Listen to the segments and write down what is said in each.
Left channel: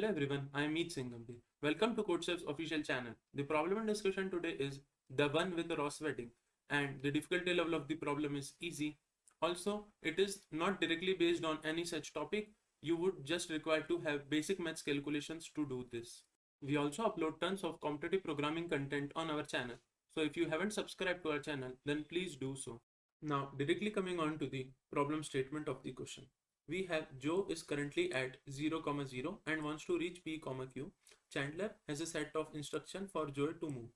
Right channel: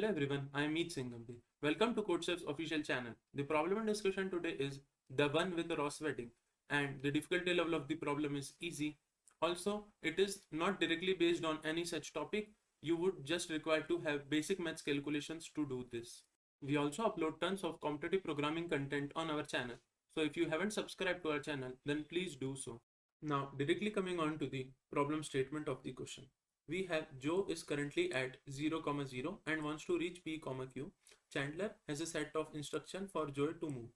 Hello everyone, I am Singh. Welcome to CodeChef's official channel. The problem in discussion today is the one with the Ross wedding, and the difficulty level of the problem is easy. Also, it is not directly based on any such topic. You would just require to have basic maths calculations to do this. We also upload tons of competitive programming content on our channel. So if you haven't subscribed to our channel, then please do so. Now, directly coming on to the problem statement of the question. We have Joe is currently at 0, 0 and wants to reach P, Q. Chandler has a set of instructions for Joe to move.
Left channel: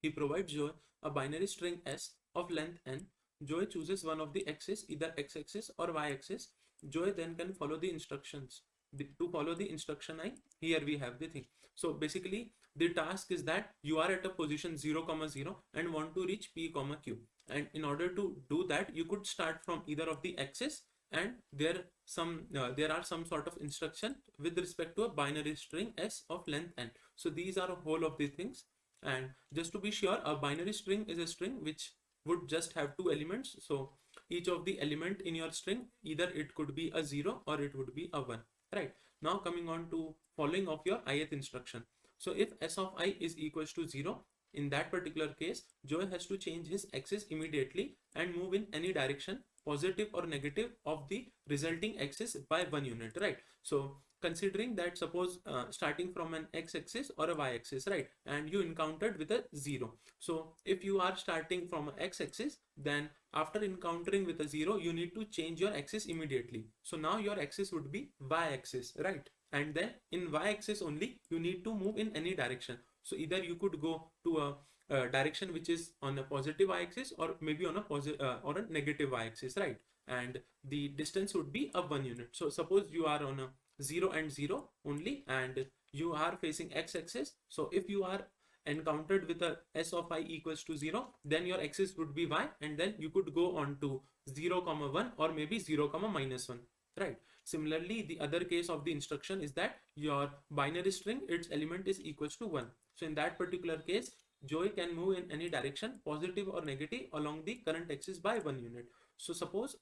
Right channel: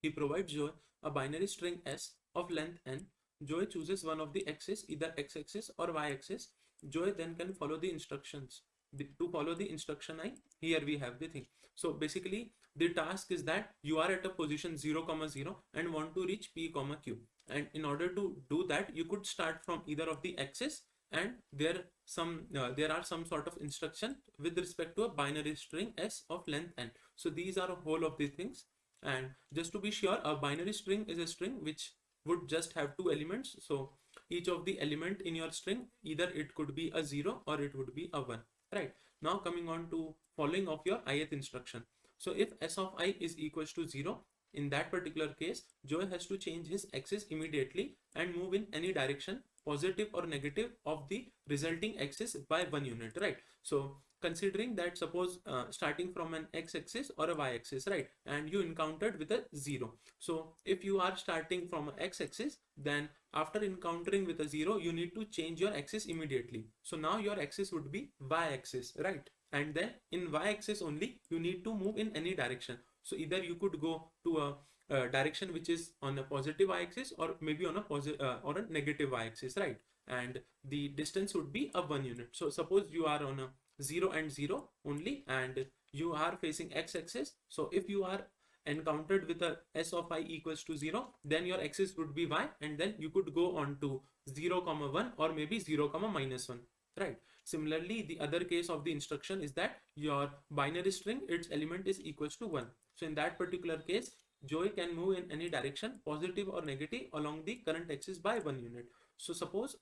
He provides Joe a binary string S of length n. Joe chooses one of the axes, either x-axis or y-axis. Joe then can follow the instructions. To follow the instruction I, here we have the thing. So basically, the task is that you are at a position 0, 0 and want to reach P, Q. And in order to do that, you could start from either of the axes, and there are some sort of instruction with respect to a binary string s of length n. So these are a whole of these things, and just to be sure, a binary string is a string which would just have two elements. So each of the element in your string, either it could be a 0 or it would be a 1, right? Now coming on to following of your ith instruction. So if s of I is equals to 0, in that particular case, Joe has to change his axis immediately and move in any direction, positive or negative, of the resulting axis by 1 unit, right? So considering that, suppose starting from an x-axis or a y-axis, right, and you encountered with a 0. So if you are starting from an x-axis, then after encountering with a 0, you need to change your axis immediately. So now your axis would be y-axis, right? And then in y-axis only, you need to move in any direction. So either you could go to a direction which is on a positive y-axis, or maybe on a positive or a negative y-axis, right? And the distance would be a 1 unit. So suppose you are on a 0 and 0 only, and you are facing x-axis. So if you are encountered with a s of I equals to 0, then your axis would be y, and then you could go on to 0, 1 or maybe 0, minus 1, right? Similarly, the other case of the instruction is that your binary string, its element is equals to 1. So in that particular case, Joey can move in any direction, positive or negative, along the current axis by 1 unit. So suppose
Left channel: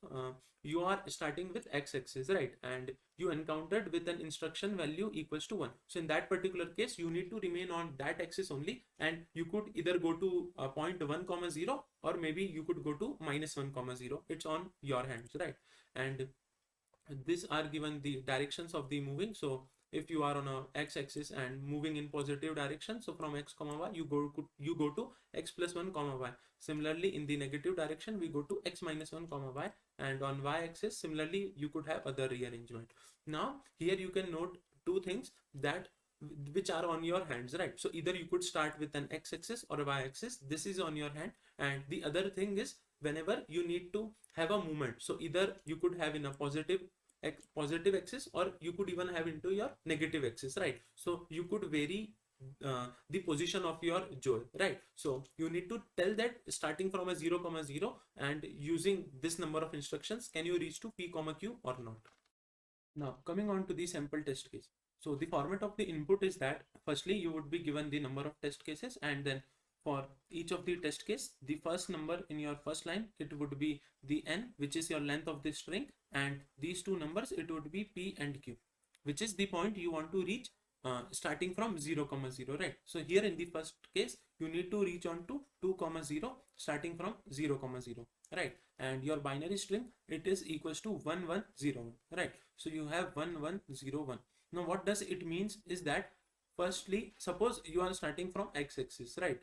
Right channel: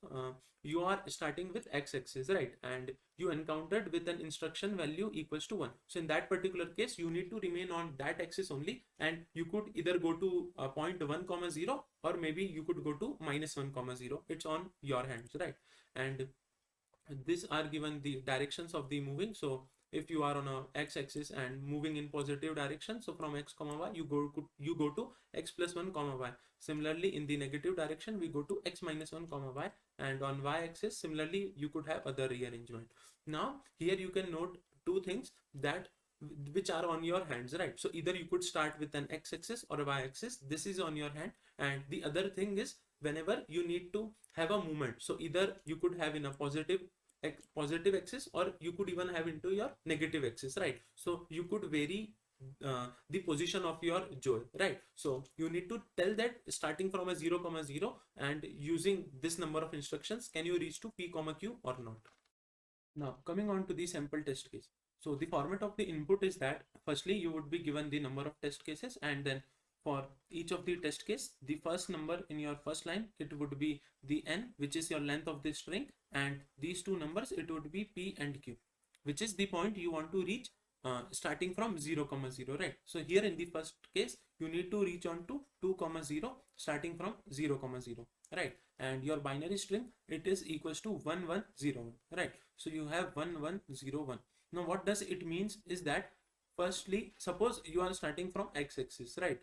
you are starting with x-axis, right, and you encountered with an instruction value equals to 1. So in that particular case, you need to remain on that axis only, and you could either go to point 1, 0, or maybe you could go to minus 1, 0. It's on your hands, right? And these are given the directions of the moving. So if you are on a x-axis and moving in positive direction, so from x, y, you go to x plus 1, y. Similarly, in the negative direction, we go to x minus 1, y, and on y-axis, similarly, you could have other rearrangement. Now here you can note two things that which are on your hands, right? So either you could start with an x-axis or a y-axis. This is on your hand. And the other thing is, whenever you need to have a movement, so either you could have in a positive axis, or you could even have into your negative axis, right? So you could vary the position of your joy, right? So you need to tell that starting from a 0, 0 and using this number of instructions, can you reach to P, Q or not? Now coming on to the sample test case. So the format of the input is that firstly you would be given the number of test cases, and then for each of the test case, the first number in your first line, it would be the n, which is your length of the string, and these two numbers, it would be P and Q, which is the point you want to reach starting from 0, 0, right? So here in the first case, you need to reach on to 2, 0 starting from 0, 0, right? And your binary string, it is equals to 1, 1, 0, right? So you have 1, 1, 0, 1. Now what does it means is that firstly, suppose you are starting from x-axis, right?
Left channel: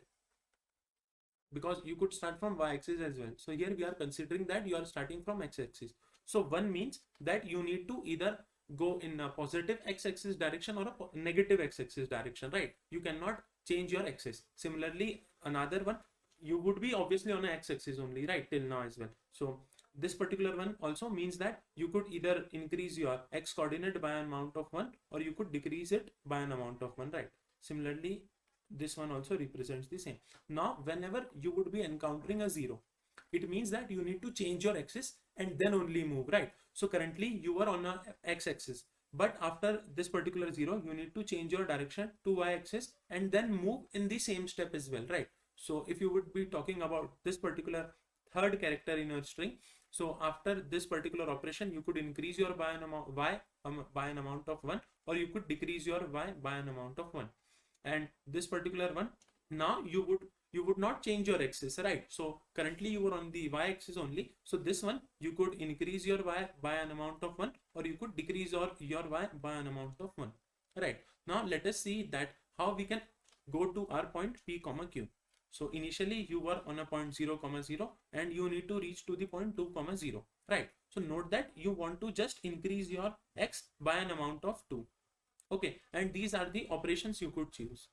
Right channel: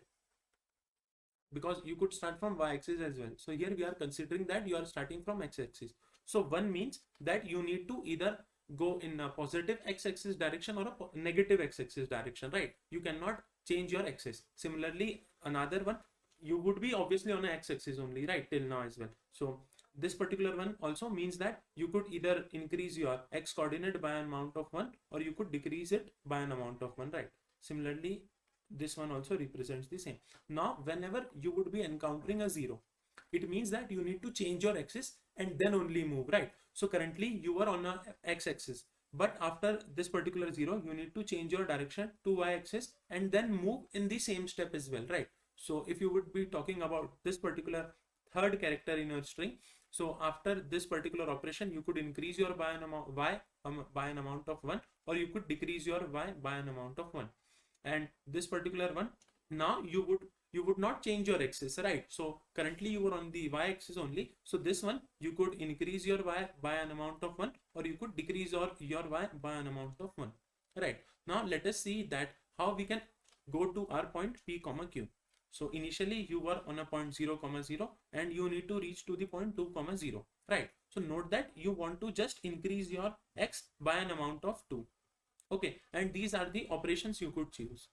Because you could start from y-axis as well. So here we are considering that you are starting from x-axis. So 1 means that you need to either go in a positive x-axis direction or a negative x-axis direction, right? You cannot change your axis. Similarly, another one, you would be obviously on an x-axis only, right, till now as well. So this particular one also means that you could either increase your x coordinate by an amount of 1, or you could decrease it by an amount of 1, right? Similarly, this one also represents the same. Now whenever you would be encountering a 0, it means that you need to change your axis and then only move, right? So currently you are on a x-axis, but after this particular 0, you need to change your direction to y-axis and then move in the same step as well, right? So if you would be talking about this particular third character in your string, so after this particular operation, you could increase your by an amount of 1, or you could decrease your y by an amount of 1. And this particular one, now you would not change your axis, right? So currently you were on the y axis only, so this one you could increase your y by an amount of 1, or you could decrease your y by an amount of 1, right? Now let us see that how we can go to our point p comma q. So initially you were on a point 0 comma 0 and you need to reach to the point 2 comma 0, right? So note that you want to just increase your x by an amount of 2. Okay, and these are the operations you could choose.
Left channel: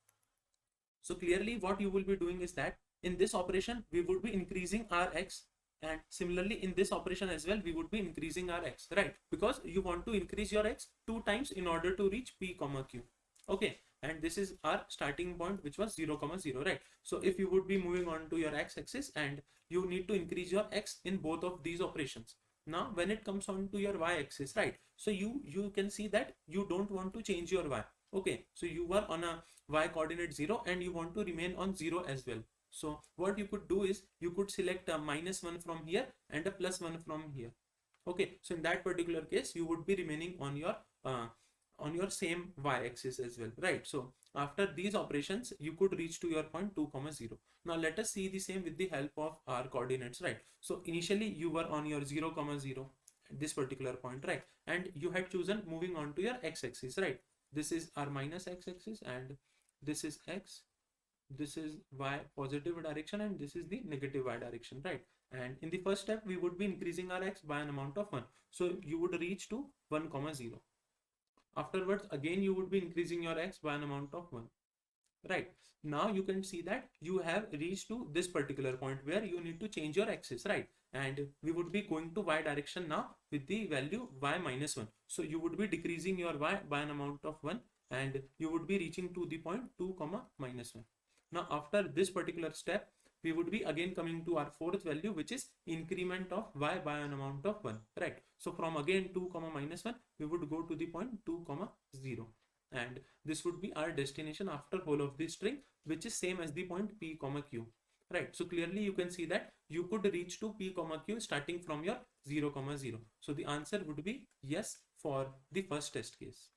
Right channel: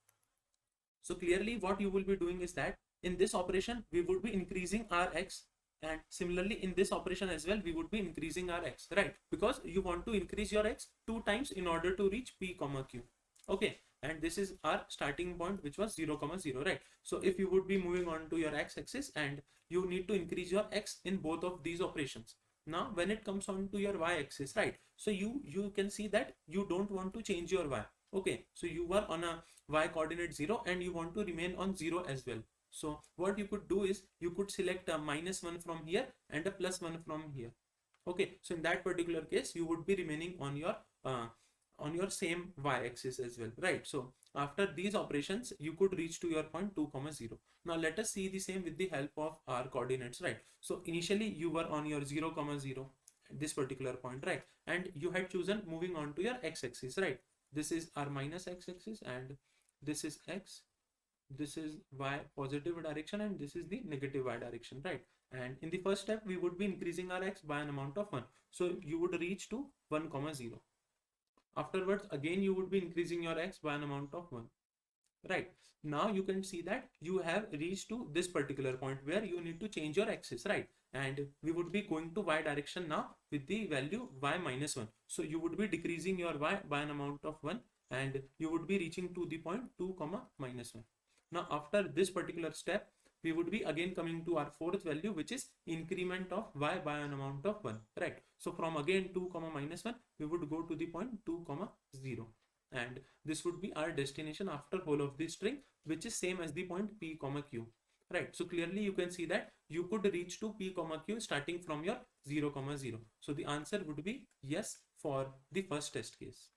So clearly what you will be doing is that in this operation we would be increasing our x, and similarly in this operation as well we would be increasing our x, right? Because you want to increase your x 2 times in order to reach p comma q. Okay, and this is our starting point, which was 0 comma 0, right? So if you would be moving on to your x axis and you need to increase your x in both of these operations. Now when it comes on to your y axis, right, so you can see that you don't want to change your y. Okay, so you were on a y coordinate 0 and you want to remain on 0 as well. So what you could do is you could select a -1 from here and a +1 from here. Okay, so in that particular case you would be remaining on your same y-axis as well, right? So after these operations you could reach to your point 2 comma 0. Now let us see the same with the help of our coordinates, right? So initially you were on your 0 comma 0 at this particular point, right? And you had chosen moving on to your x-axis, right? This is our minus x-axis and this is x, this is y positive direction, and this is the negative y direction, right? And in the first step we would be increasing our x by an amount of 1, so you would reach to 1 comma 0. Afterwards again you would be increasing your x by an amount of 1, right? Now you can see that you have reached to this particular point where you need to change your axis, right? And we would be going to y direction now with the value y minus 1. So you would be decreasing your y by an amount of 1 and you would be reaching to the point 2 comma minus 1. Now after this particular step we would be again coming to our fourth value, which is increment of y by an amount of 1, right? So from again 2 comma minus 1 we would go to the point 2 comma 0, and this would be our destination after whole of the string, which is same as the point p comma q, right? So clearly you can see that you could reach to p comma q starting from your 0 comma 0. So the answer would be yes for the first test case.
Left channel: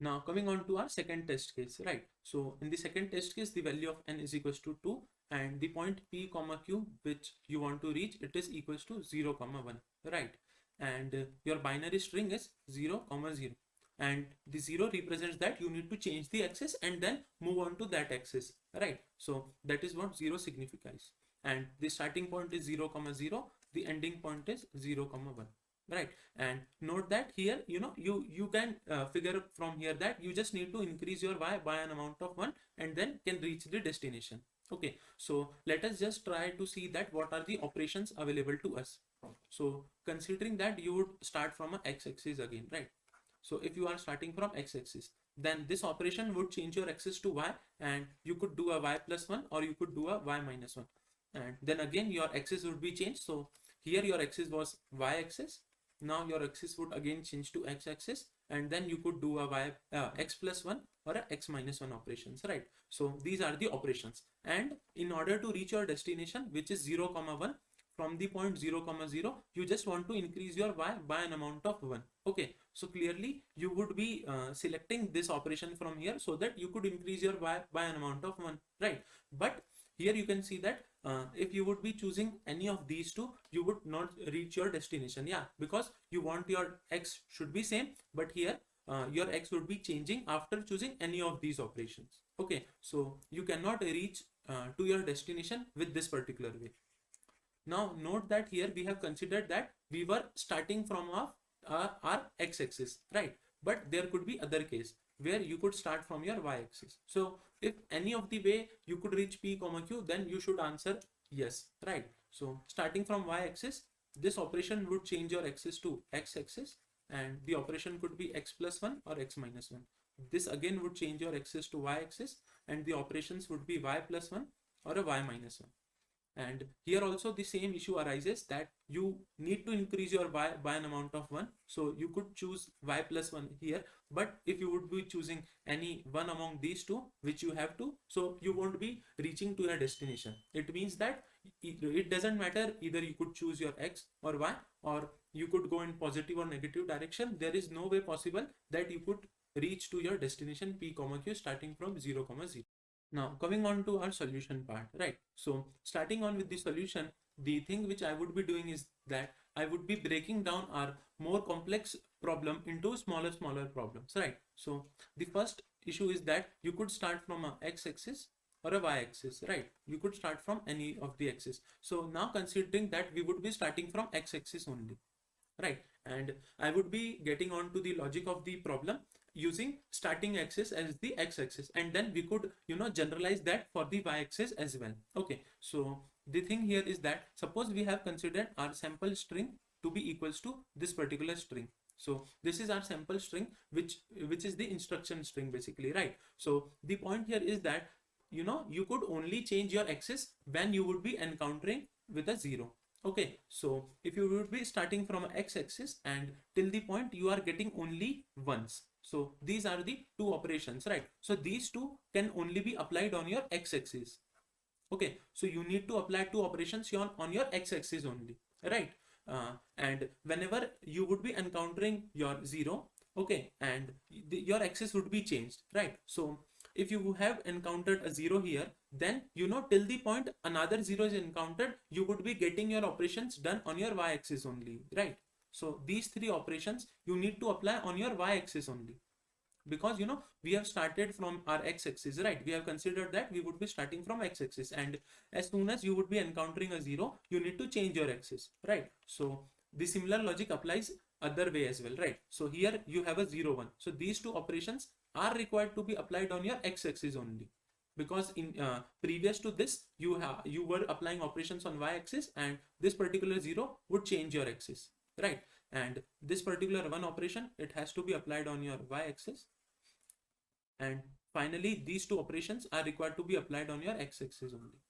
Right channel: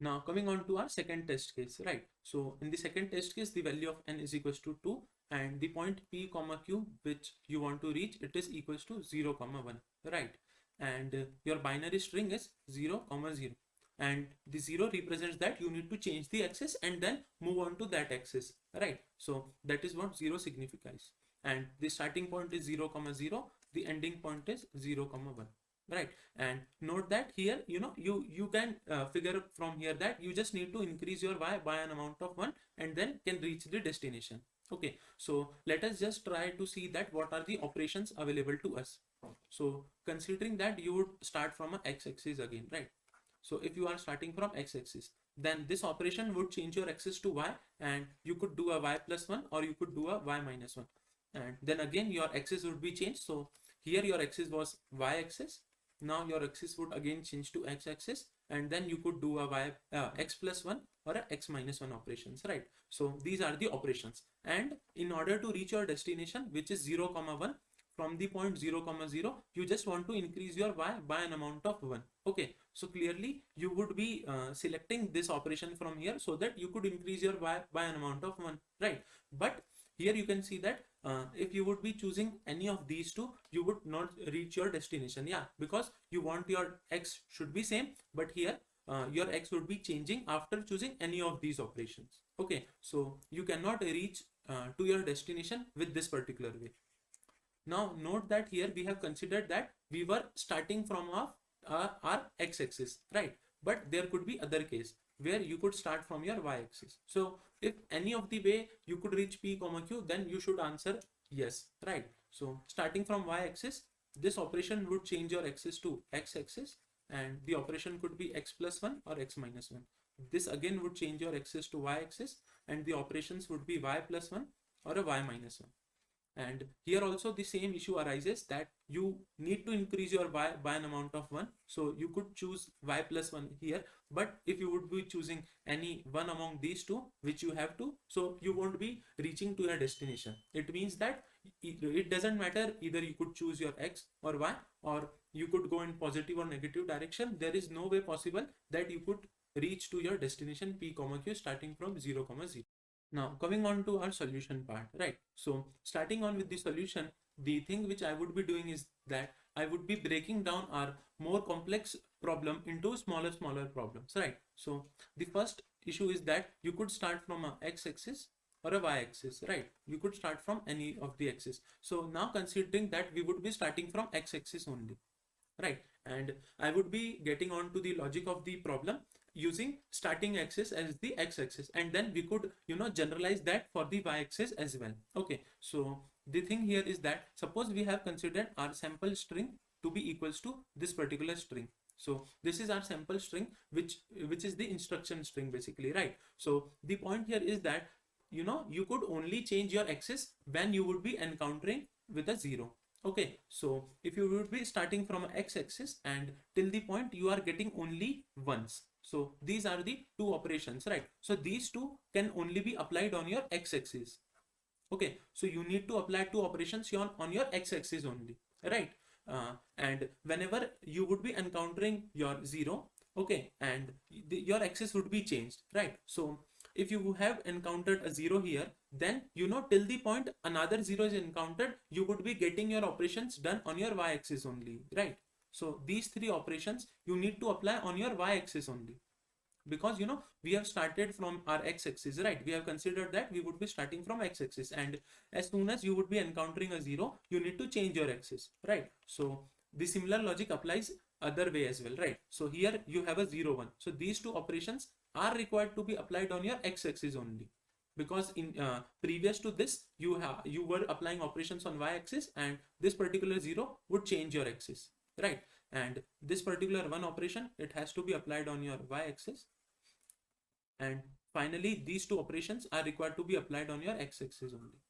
Now coming on to our second test case, right? So in the second test case the value of n is equals to 2 and the point p comma q which you want to reach, it is equals to 0 comma 1, right? And your binary string is 0 comma 0, and the 0 represents that you need to change the axis and then move on to that axis, right? So that is what 0 signifies, and the starting point is 0 comma 0, the ending point is 0 comma 1, right? And note that here you can figure from here that you just need to increase your y by an amount of 1 and then can reach the destination. Okay, so let us just try to see that what are the operations available to us. So considering that you would start from a x-axis again, right? So if you are starting from x-axis, then this operation would change your axis to y, and you could do a y plus 1 or you could do a y minus 1, and then again your axis would be changed. So here your axis was y-axis, now your axis would again change to x-axis, and then you could do a x plus 1 or a x minus 1 operations, right? So these are the operations, and in order to reach your destination, which is 0 comma 1, from the point 0 comma 0 you just want to increase your y by an amount of 1. Okay, so clearly you would be selecting this operation from here so that you could increase your y by an amount of 1, right? But here you can see that if you would be choosing any of these two, you would not reach your destination, yeah, because you want your x should be same, but here your x would be changing after choosing any of these operations. Okay, so you cannot reach to your destination with this particular way. Now note that here we have considered that we were starting from our x-axis, right? But there could be other case where you could start from your y-axis. So if any of the way you could reach p comma q, then you should answer yes, right? So starting from y-axis, this operation would change your axis to x-axis, and the operation could be x plus 1 or x minus 1. This again would change your axis to y-axis, and the operations would be y plus 1 or a y minus 1. And here also the same issue arises that you need to increase your y by an amount of 1, so you could choose y plus 1 here, but if you would be choosing any one among these two, which you have to, so you won't be reaching to your destination. It means that it doesn't matter, either you could choose your x or y, or you could go in positive or negative direction. There is no way possible that you could reach to your destination p comma q starting from 0 comma 0. Now coming on to our solution part, right? So starting on with the solution, the thing which I would be doing is that I would be breaking down our more complex problem into smaller problems, right? So the first issue is that you could start from a x-axis or a y-axis, right? You could start from any of the axis. So now considering that we would be starting from x-axis only, right? And I would be getting on to the logic of the problem using starting axis as the x-axis, and then we could generalize that for the y-axis as well. Okay, so the thing here is that suppose we have considered our sample string to be equals to this particular string. So this is our sample string, which is the instruction string basically, right? So the point here is that you could only change your axis when you would be encountering with a 0. Okay, so if you would be starting from x-axis and till the point you are getting only ones, so these are the two operations, right? So these two can only be applied on your x-axis. Okay, so you need to apply two operations on your x-axis only, right? And whenever you would be encountering your 0, okay, and your axis would be changed, right? So if you have encountered a 0 here, then till the point another 0 is encountered, you would be getting your operations done on your y-axis only, right? So these three operations you need to apply on your y-axis only, because we have started from our x-axis, right? We have considered that we would be starting from x-axis, and as soon as you would be encountering a 0, you need to change your axis, right? So the similar logic applies other way as well, right? So here you have a 0 1, so these two operations are required to be applied on your x-axis only, because in previous to this you were applying operations on y-axis, and this particular 0 would change your axis, right? And this particular one operation, it has to be applied on your y-axis, and finally these two operations are required to be applied on your x-axis only.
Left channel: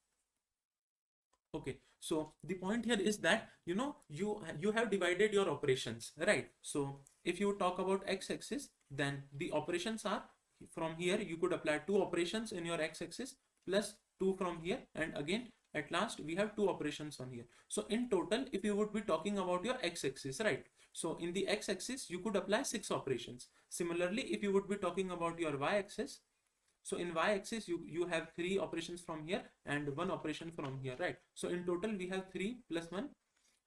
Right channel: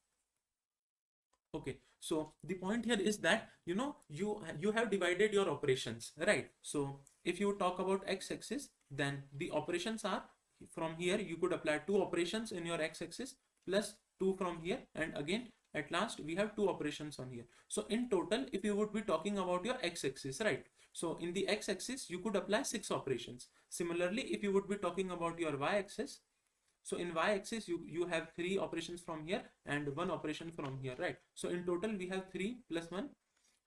Okay, so the point here is that you have divided your operations, right? So if you talk about x-axis, then the operations are from here you could apply two operations in your x-axis plus two from here, and again at last we have two operations on here. So in total, if you would be talking about your x-axis, right? So in the x-axis you could apply 6 operations. Similarly, if you would be talking about your y-axis, so in y-axis you have 3 operations from here and 1 operation from here, right? So in total we have 3 plus 1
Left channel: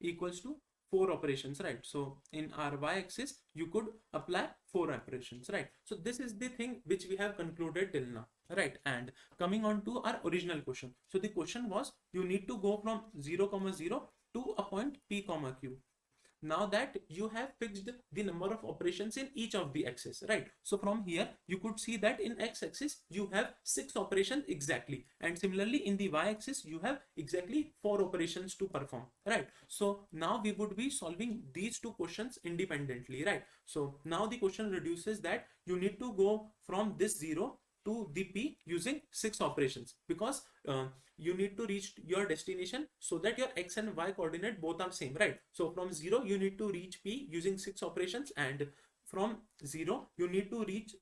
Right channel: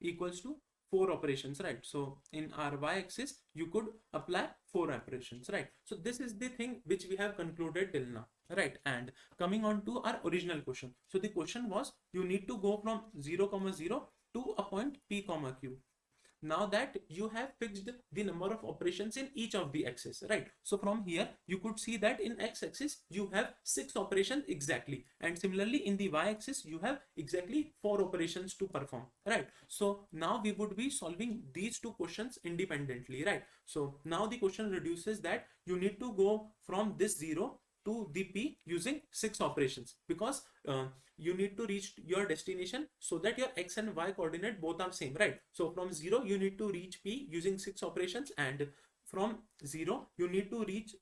equals to 4 operations, right? So in our y-axis you could apply 4 operations, right? So this is the thing which we have concluded till now, right? And coming on to our original question. So the question was, you need to go from 0 comma 0 to a point p comma q. Now that you have fixed the number of operations in each of the axes, right? So from here you could see that in x-axis you have 6 operations exactly, and similarly in the y-axis you have exactly 4 operations to perform, right? So now we would be solving these two questions independently, right? So now the question reduces that you need to go from this 0 to the p using 6 operations, because you need to reach your destination so that your x and y coordinate both are same, right? So from 0 you need to reach p using 6 operations, and from 0 you need to reach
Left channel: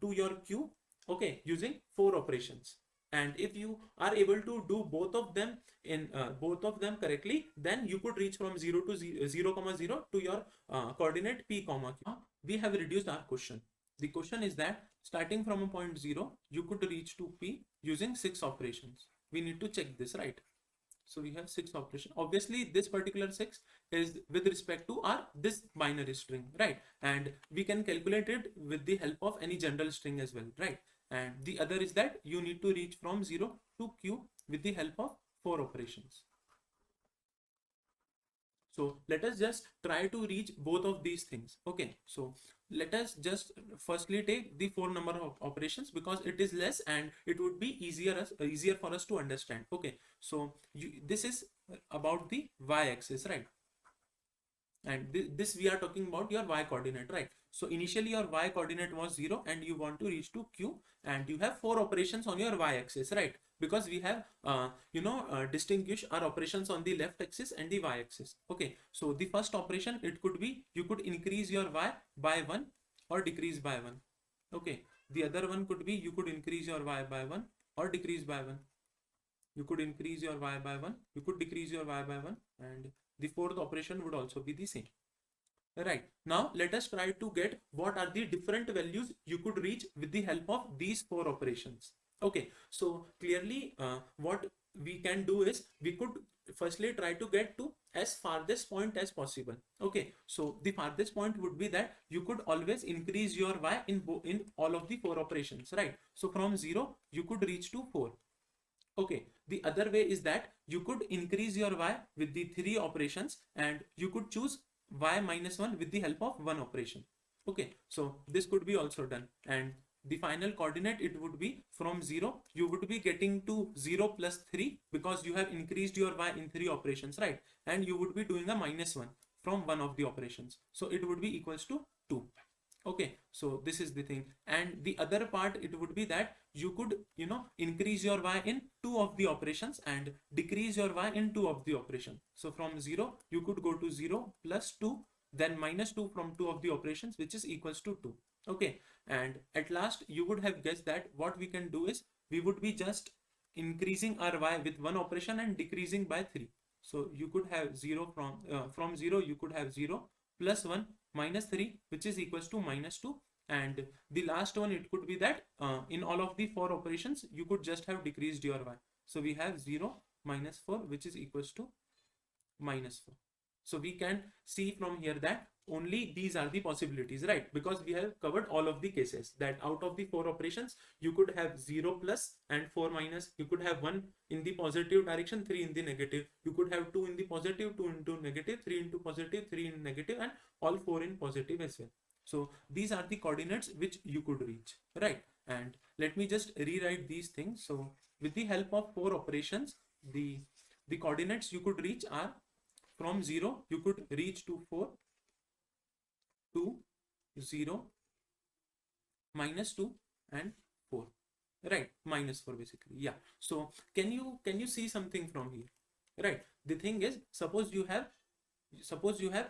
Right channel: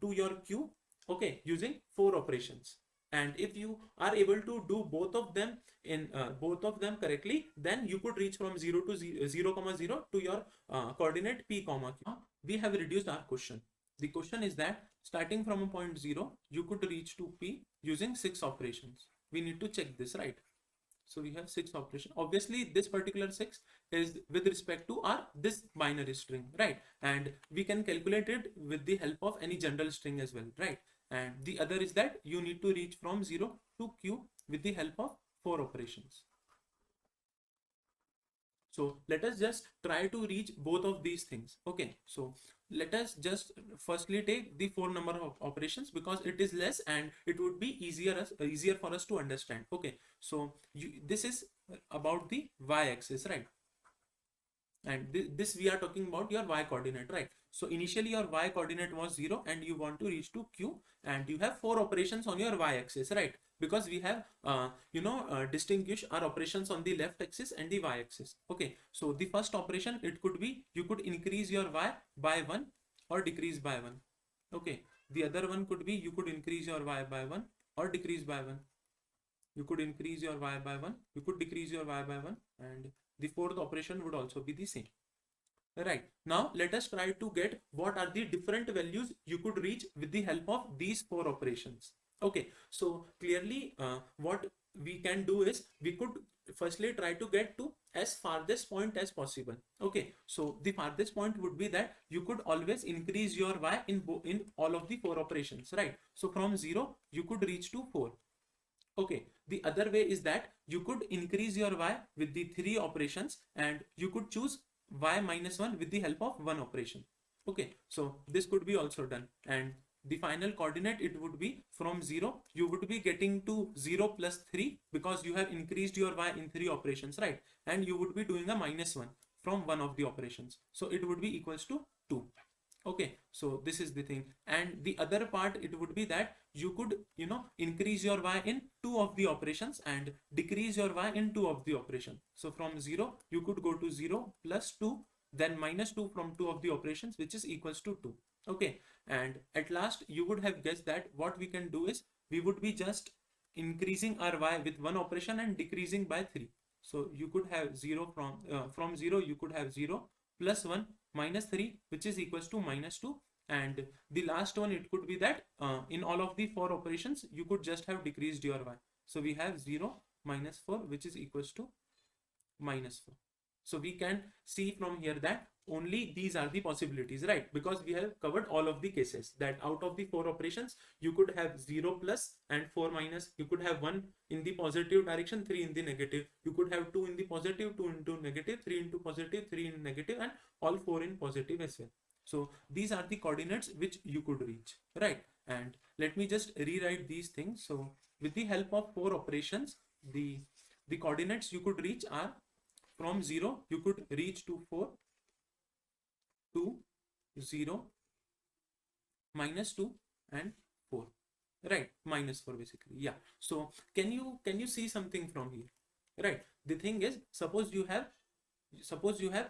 to your q, okay, using 4 operations. And if you are able to do both of them in both of them correctly, then you could reach from 0 to 0 comma 0 to your coordinate p comma q. We have reduced our question. The question is that starting from a point 0, you could reach to p using 6 operations. We need to check this, right? So we have 6 operations. Obviously this particular 6 is with respect to our this binary string, right? And we can calculate it with the help of any general string as well, right? And the other is that you need to reach from 0 to q with the help of 4 operations. So let us just try to reach both of these things. Okay, so let us just firstly take the 4 number of operations, because it is less and it would be easier for us to understand. Okay, so this is about the y-axis, right? And this we are talking about your y coordinate, right? So initially your y coordinate was 0 and you want to reach to q, and you have 4 operations on your y-axis, right? Because we have distinguish our operations on the left axis and the y-axis. Okay, so the first operation, it could be you could increase your y by 1 or decrease by 1. Okay, the other one could be you could increase your y by 1 or decrease by 1. You could increase your y by 1, you could decrease your y by 1, and the fourth operation would also be the same. Right. Now let us try to get what are the different values you could reach with the help of these four operations. Okay. So clearly what we can do is we could firstly try to get to as farthest point as possible. Okay. So the farthest point would be that you could always increase your y in all of the four operations. Right. So from 0 you could reach to 4. Okay, the other way is that you could increase your y with the three operations and you could choose y minus 1 with the help of one operation. Okay, so this could be also done, and the final coordinate it would be from 0 you would be getting to 0 plus 3 because you have increased your y in three operations, right? And you would be doing a minus 1 from one of the operations, so it would be equals to 2. Okay, so this is the thing, and the other part it would be that you could increase your y in two of the operations and decrease your y in two of the operations. So from 0 you could go to 0 plus 2, then minus 2 from two of the operations, which is equals to 2. Okay, and at last you would have guessed that what we can do is we would be just increasing our y with one operation and decreasing by 3. So you could have 0 from 0 you could have 0 plus 1 minus 3, which is equals to minus 2, and the last one it could be that in all of the four operations you could just have decreased your y. So we have 0 minus 4, which is equals to minus 4. So we can see from here that only these are the possibilities, right? Because we have covered all of the cases that out of the four operations you could have 0 plus and 4 minus, you could have 1 in the positive direction, 3 in the negative, you could have 2 in the positive, 2 into negative, 3 into positive, 3 in negative, and all 4 in positive as well. So these are the coordinates which you could reach, right? And let me just rewrite these things. So with the help of four operations, the coordinates you could reach are from 0 you could reach to 4, 2, 0, minus 2, and 4, right? Minus 4 basically, yeah. So can you see something from here, right? The thing is, suppose you have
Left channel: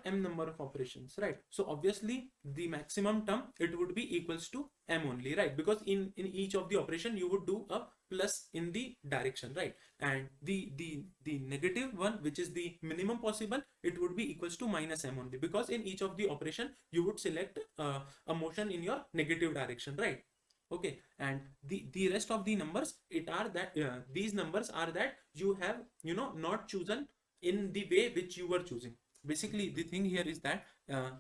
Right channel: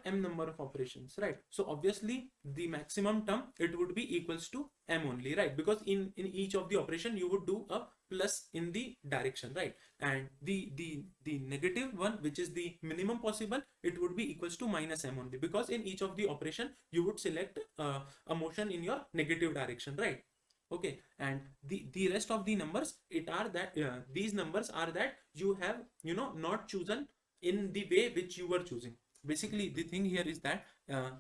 m number of operations, right? So obviously the maximum term it would be equals to m only, right? Because in each of the operation you would do a plus in the direction, right? And the negative one, which is the minimum possible, it would be equals to minus m only, because in each of the operation you would select a motion in your negative direction, right? Okay, and the rest of the numbers it are that these numbers are that you have not chosen in the way which you were choosing. Basically the thing here is that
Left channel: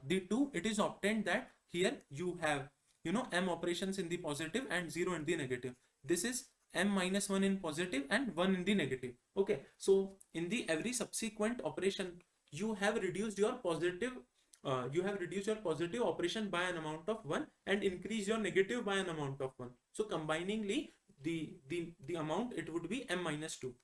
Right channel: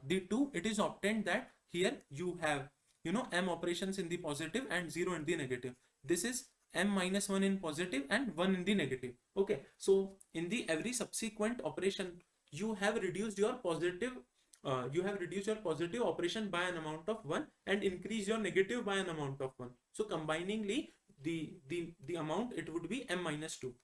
the two it is obtained that here you have m operations in the positive and 0 in the negative. This is m minus 1 in positive and 1 in the negative. Okay, so in the every subsequent operation you have reduced your positive operation by an amount of 1 and increase your negative by an amount of 1. So combiningly the amount it would be m minus 2,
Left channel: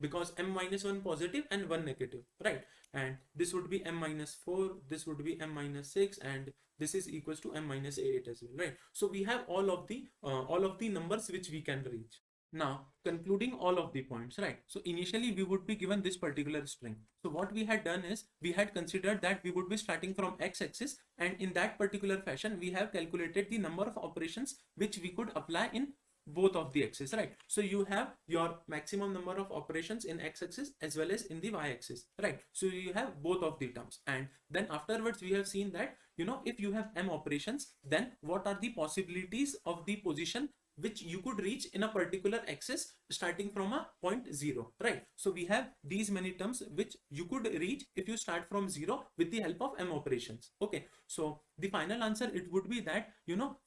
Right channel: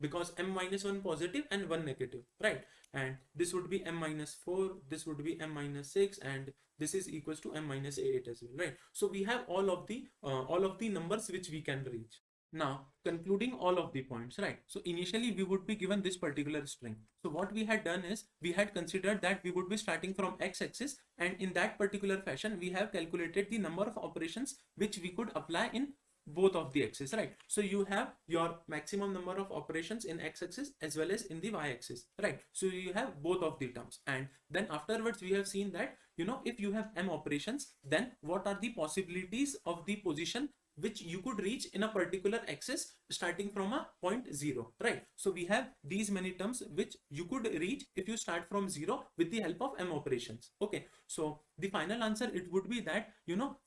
because m minus 1 positive and 1 negative, right? And this would be m minus 4, this would be m minus 6, and this is equals to m minus 8 as well, right? So we have all of the numbers which we can reach. Now concluding all of the points, right? So initially we would be given this particular string. So what we had done is we had considered that we would be starting from x-axis, and in that particular fashion we have calculated the number of operations which we could apply in both of the axes, right? So you have your maximum number of operations in x-axis as well as in the y-axis, right? So you have both of the terms, and then afterwards we have seen that if you have m operations, then what are the possibilities of the position which you could reach in a particular axis starting from a point 0, right? So we have these many terms which you could reach if you start from 0 with the help of m operations. Okay, so the final answer it would be that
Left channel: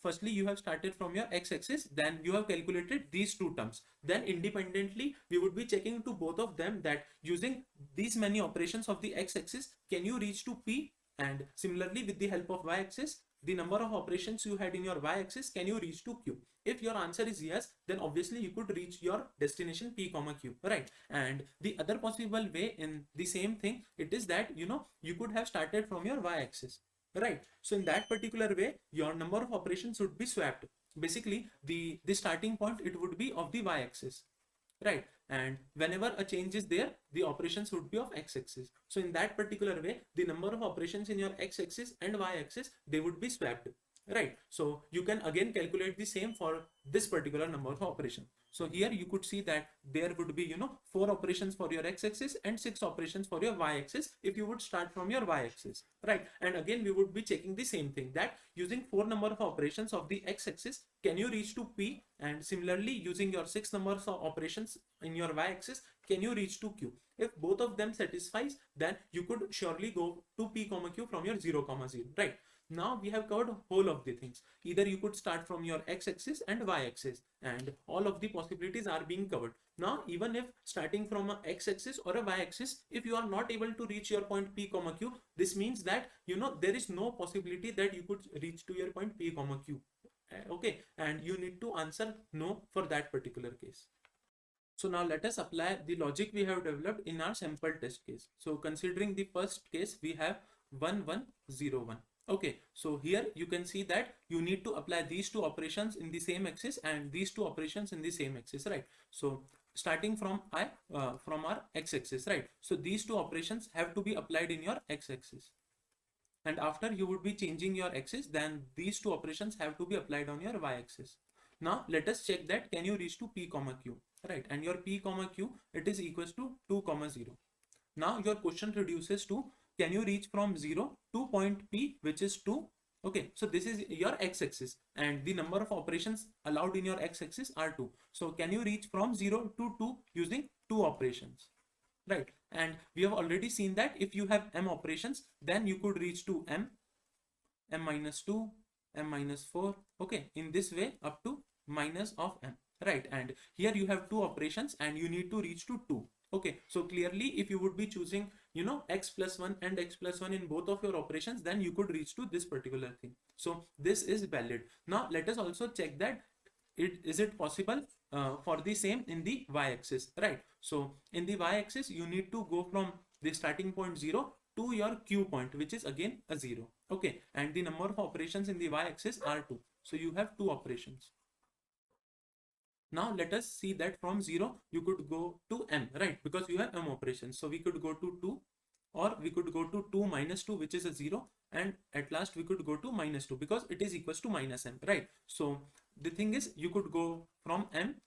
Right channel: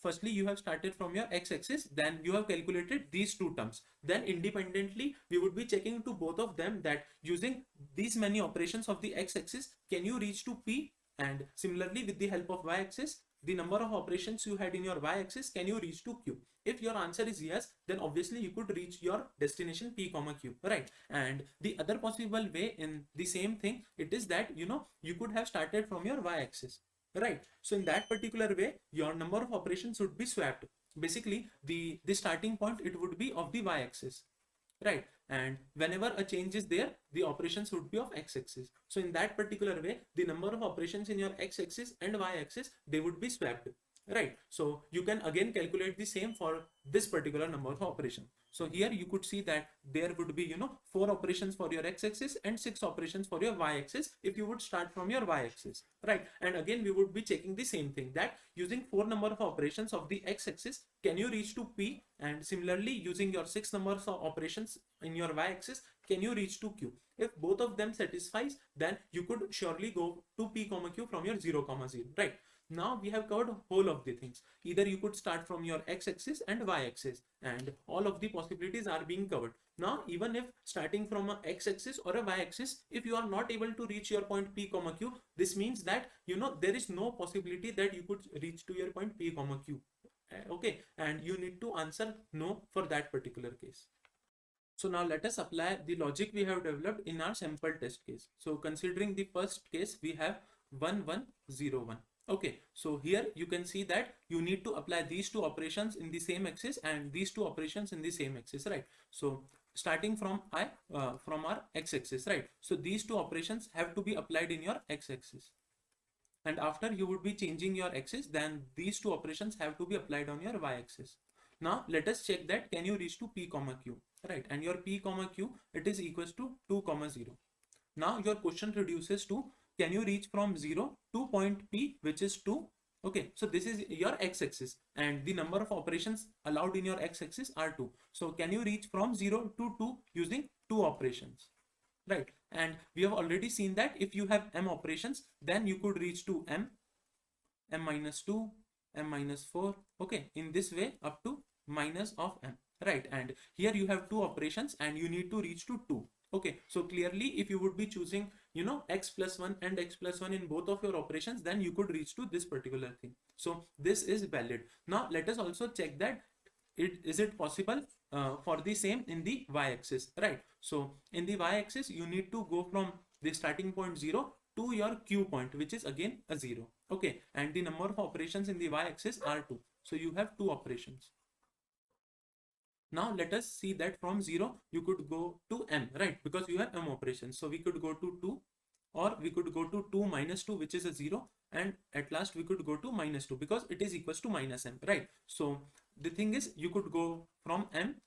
firstly you have started from your x-axis, then you have calculated these two terms, then independently we would be checking to both of them that using these many operations of the x-axis can you reach to p, and similarly with the help of y-axis the number of operations you had in your y-axis can you reach to q. If your answer is yes, then obviously you could reach your destination p comma q, right? And the other possible way in the same thing it is that you could have started from your y-axis, right? So in that particular way your number of operations would be swapped. Basically the starting point it would be of the y-axis, right? And whenever a change is there the operations would be of x-axis. So in that particular way the number of operations in your x-axis and y-axis they would be swapped. right? So you can again calculate the same for this particular number of operation. So here you could see that there would be 4 operations for your x-axis and 6 operations for your y-axis if you would start from your y-axis, right? And again we would be checking the same thing, that using 4 number of operations of the x-axis can you reach to p, and similarly using your 6 numbers of operations in your y-axis can you reach to q. If both of them satisfies, then you could surely go to p comma q from your 0 comma 0, right? Now we have covered whole of the things. Either you could start from your x-axis and y-axis, and all of the possibilities are being covered. Now even if starting from a x-axis or a y-axis, if you are not able to reach your point p comma q, this means that there is no possibility that you could reach to your point p comma q. Okay, and you need to answer no for that particular case. So now let us apply the logic we have developed in our sample test case. So considering the first case, we have 1101. Okay, so here you can see that you need to apply these two operations in the same axis and these two operations in the same axis, right? So starting from from our x-axis, right? So these two operations have to be applied in your x-axis. And after you would be changing your axis, then these two operations have to be applied on your y-axis. Now let us check that can you reach to p comma q, right? And your p comma q, it is equals to 2 comma 0. Now your question reduces to can you reach from 0 to point p, which is 2. Okay, so this is your x-axis and the number of operations allowed in your x-axis are 2. So can you reach from 0 to 2 using 2 operations, right? And we have already seen that if you have m operations, then you could reach to m minus 2, m minus 4, okay, in this way up to minus of m, right? And here you have 2 operations and you need to reach to 2. Okay, so clearly if you would be choosing x plus 1 and x plus 1 in both of your operations, then you could reach to this particular thing. So this is valid. Now let us also check that is it possible for the same in the y-axis, right? So in the y-axis you need to go from the starting point 0 to your q point, which is again a 0. Okay, and the number of operations in the y-axis are 2. So you have 2 operations. Now let us see that from 0 you could go to m, right? Because you have m operations. So we could go to 2, or we could go to 2 minus 2, which is a 0, and at last we could go to minus 2 because it is equals to minus m, right? So the thing is you could go from m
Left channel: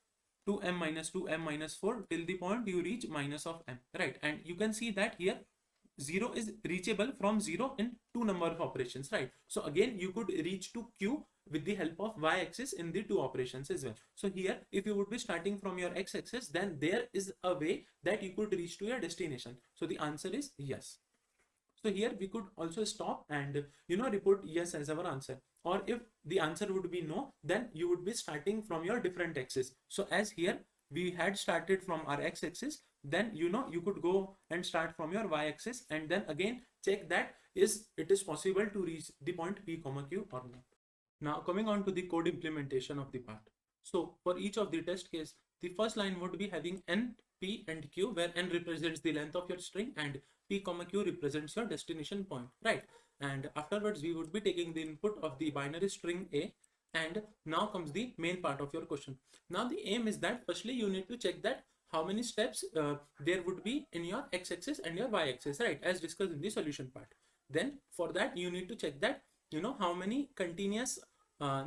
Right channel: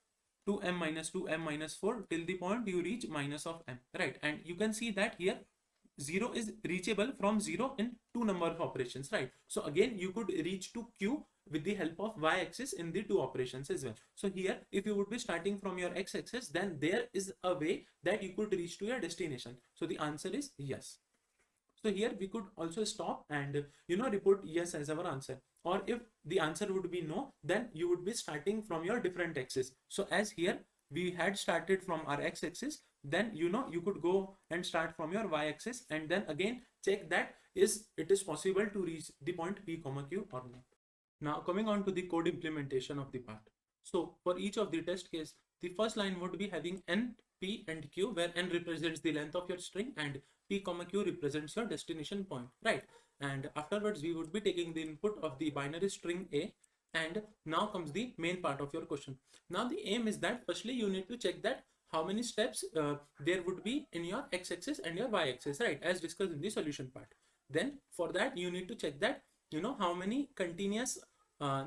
to m minus 2, m minus 4 till the point you reach minus of m, right? And you can see that here 0 is reachable from 0 in 2 number of operations, right? So again you could reach to q with the help of y-axis in the 2 operations as well. So here if you would be starting from your x-axis, then there is a way that you could reach to your destination. So the answer is yes. So here we could also stop and report yes as our answer. Or if the answer would be no, then you would be starting from your different axis. So as here we had started from our x-axis, then you could go and start from your y-axis and then again check that it is possible to reach the point p comma q or not. Now coming on to the code implementation of the part. So for each of the test case, the first line would be having n, p and q, where n represents the length of your string and p comma q represents your destination point, right? And afterwards we would be taking the input of the binary string a, and now comes the main part of your question. Now the aim is that firstly you need to check that how many steps there would be in your x-axis and your y-axis, right, as discussed in the solution part. Then for that you need to check that how many continuous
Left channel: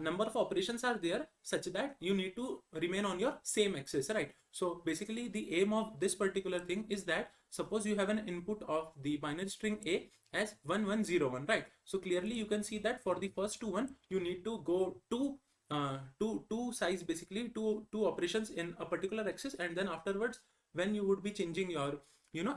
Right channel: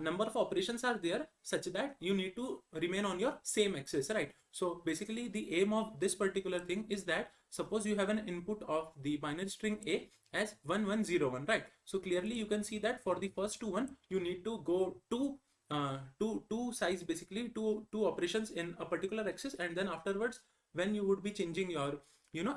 number of operations are there such that you need to remain on your same axis, right? So basically the aim of this particular thing is that suppose you have an input of the binary string a as 1101, right? So clearly you can see that for the first one you need to go to two size, basically two operations in a particular axis, and then afterwards when you would be changing your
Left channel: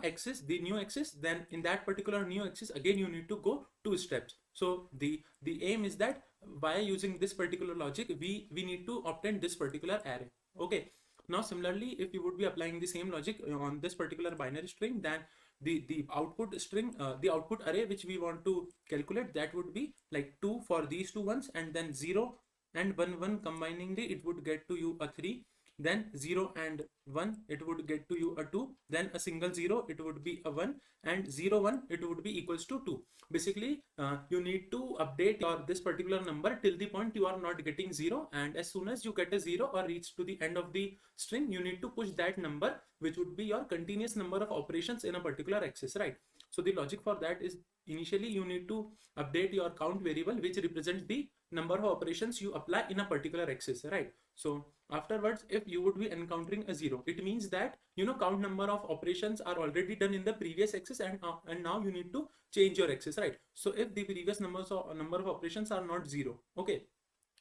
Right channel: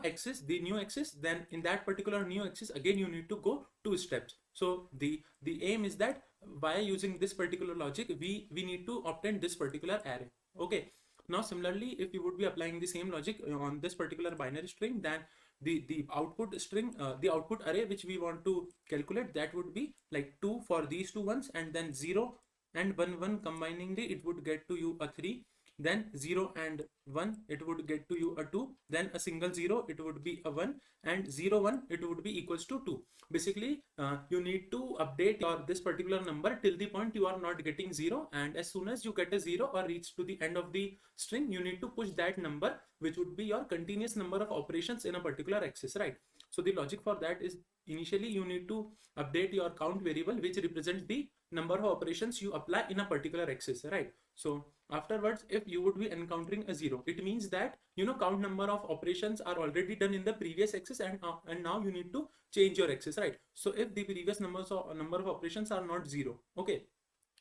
axis, the new axis, then in that particular new axis again you need to go 2 steps. So the aim is that by using this particular logic we need to obtain this particular array. Okay, now similarly if you would be applying the same logic on this particular binary string, then the output string, the output array which we want to calculate, that would be like 2 for these two ones, and then 0 and 1 combiningly it would get to you a 3, then 0 and 1 it would get to you a 2, then a single 0 it would be a 1, and 0 1 it would be equals to 2. Basically you need to update your this particular number till the point you are not getting 0, and as soon as you get a 0 or reach to the end of the string, you need to push that number, which would be your continuous number of operations in a particular axis, right? So the logic for that is initially you need to update your count variable which represents the number of operations you apply in a particular axis, right? So afterwards, if you would be encountering a 0, it means that count number of operations are already done in the previous axis, and now you need to change your axis, right? So if the previous number of operations are not 0, okay,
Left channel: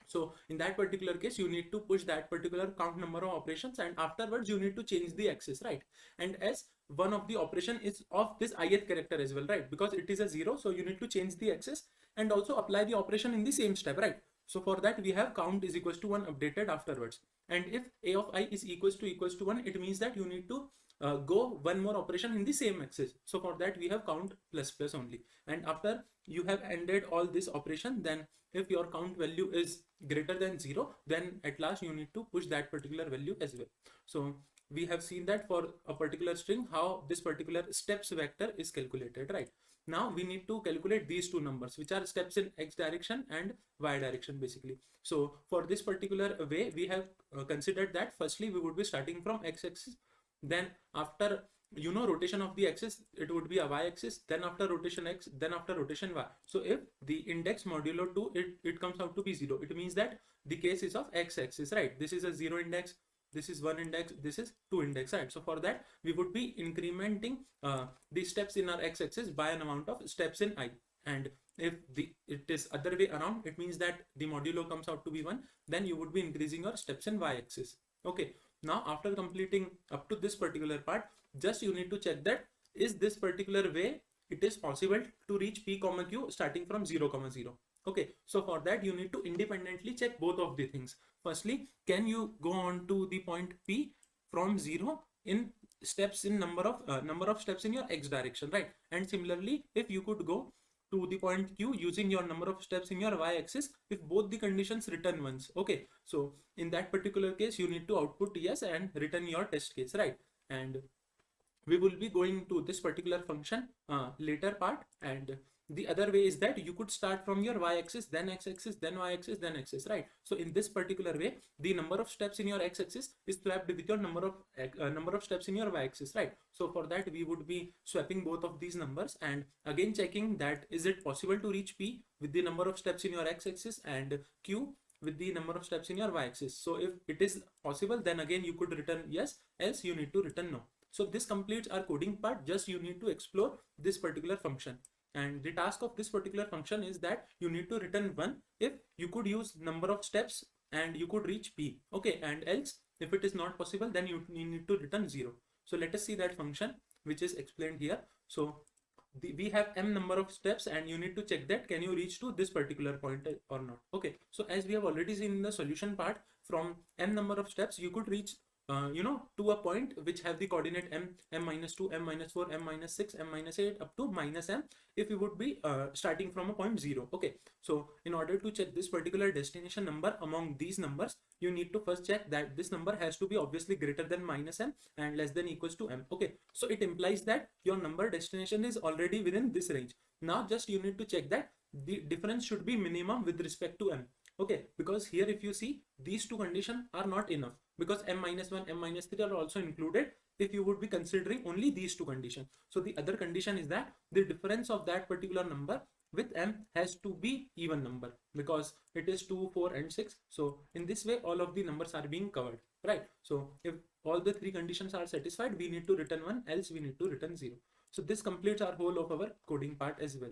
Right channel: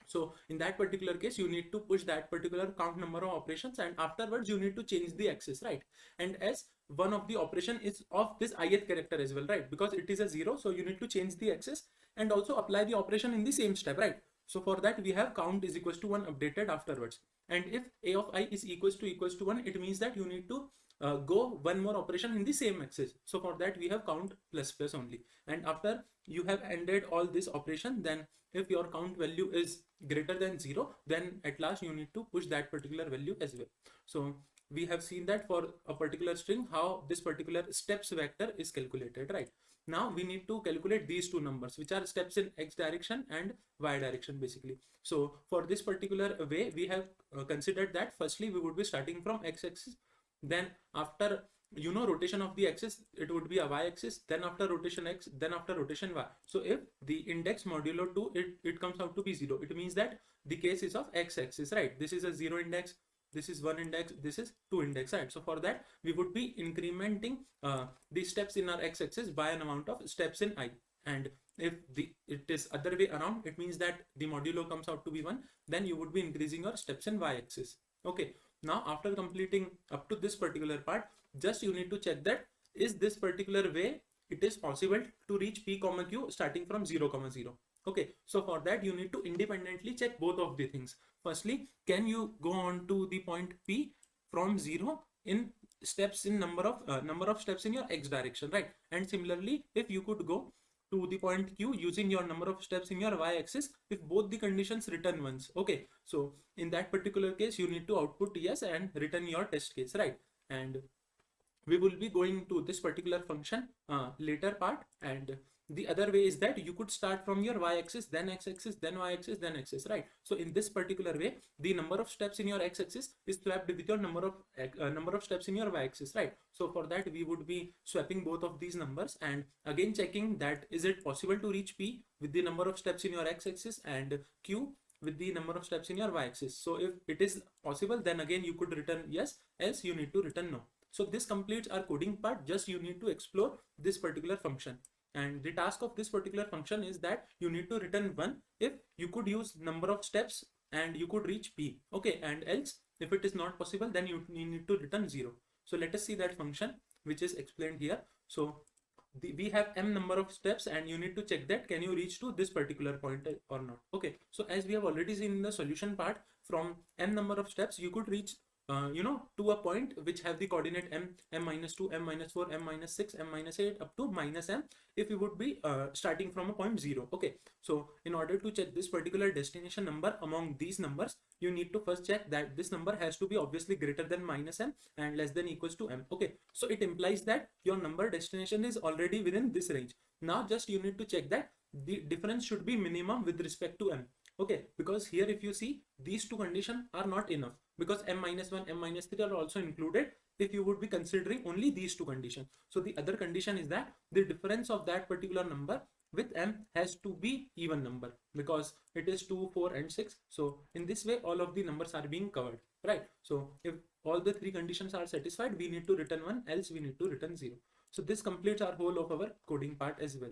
so in that particular case, you need to push that particular count number of operations, and afterwards you need to change the axis, right? And as one of the operation is of this ith character as well, right? Because it is a 0, so you need to change the axis and also apply the operation in the same step, right? So for that we have count is equals to 1 updated afterwards. And if a of I is equals to 1, it means that you need to go one more operation in the same axis. So for that we have count plus plus only. And after you have ended all this operation, then if your count value is greater than 0, then at last you need to push that particular value as well. So we have seen that for a particular string how this particular steps vector is calculated, right? Now we need to calculate these two numbers, which are steps in x direction and y direction basically. So for this particular way, we have considered that firstly we would be starting from x axis, then after rotation of the axis it would be a y axis, then after rotation x, then after rotation y. So if the index modulo 2 it comes out to be 0, it means that the case is of x axis, right? This is a 0 index, this is 1 index, this is 2 index, right? So for that we would be incrementing the steps in our x axis by an amount of steps in I. And if it is other way around, it means that the modulo comes out to be 1, then you would be increasing your steps in y axis. Okay, now after completing up to this particular part, just you need to check that is this particular way it is possible to reach p comma q starting from 0 comma 0. Okay, so for that you need to independently check both of the things. Firstly, can you go on to the point p from 0 in steps in number of steps in your x direction, right? And similarly, if you could go to the point q using your number of steps in your y-axis if both the conditions return once. Okay, so in that particular case you need to output yes and return your test case, right? And we will be going to this particular function later part. And the other way is that you could start from your y-axis, then x-axis, then y-axis, then axis, right? So in this particular way, the number of steps in your x-axis is swapped with your number of steps in your y-axis, right? So for that we would be swapping both of these numbers and again checking that is it possible to reach p with the number of steps in your x-axis and q with the number of steps in your y-axis. So if it is possible, then again you could return yes, else you need to return no. So this completes our coding part. Just you need to explore this particular function. And the task of this particular function is that you need to return 1 if you could use number of steps and you could reach p. Okay, and else if it is not possible, then you need to return 0. So let us see that function which is explained here. So we have m number of steps and you need to check that can you reach to this particular point or not. Okay, so as we have already seen in the solution part, from n number of steps you could reach to a point which have the coordinate m minus 2, m minus 4, m minus 6, m minus 8 up to minus m if you would be starting from a point 0. Okay, so in order to check this particular destination number among these numbers, you need to first check that this number has to be obviously greater than minus m and less than equals to m. Okay, so it implies that your number destination is already within this range. Now just you need to check that the difference should be minimum with respect to m. Okay, because here if you see these two conditions are not enough, because m minus 1, m minus 3 are also included if you would be considering only these two conditions. So the other condition is that the difference of that particular number with m has to be even number, because it is 2, 4 and 6. So in this way all of the numbers are being covered, right? So if all the three conditions are satisfied, we need to return 1, else we need to return 0. So this completes our whole of our coding part as well.